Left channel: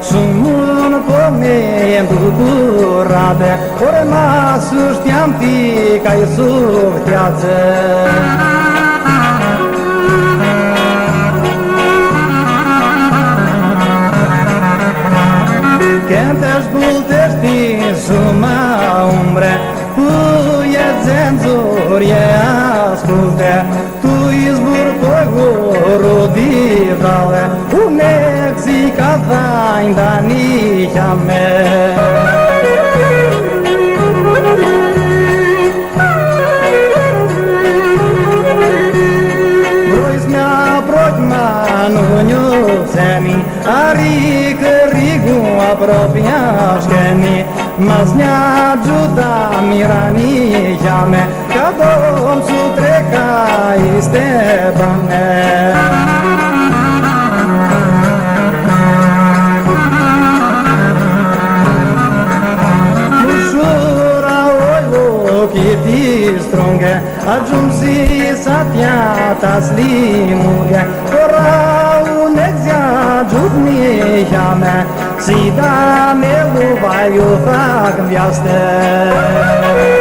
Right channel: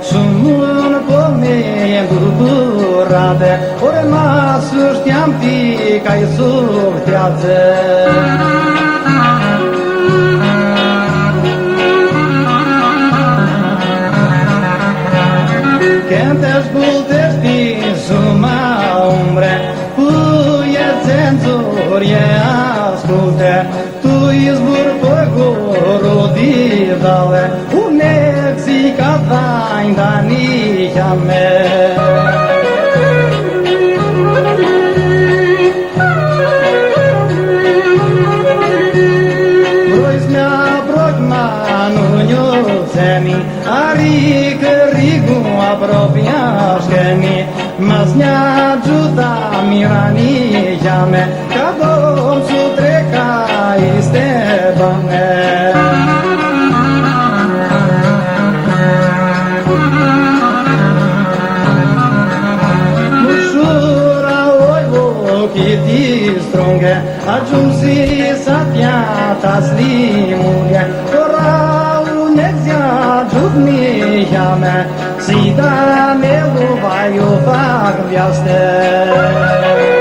Sumun come bucurate, ori masu știam pica i sufteață. Când te ascultești suma umbre, puie cenzurie asculte, tu izbur păgurul divale, u Mexica vain da nicia me. Apropiaște-mi, mas ne ajuta mirania me, ca Domn su treca Istebane. Ușura oi ochii ti strunghe, ajunsi satiata stimulie, si da me lo vai o fac în viață.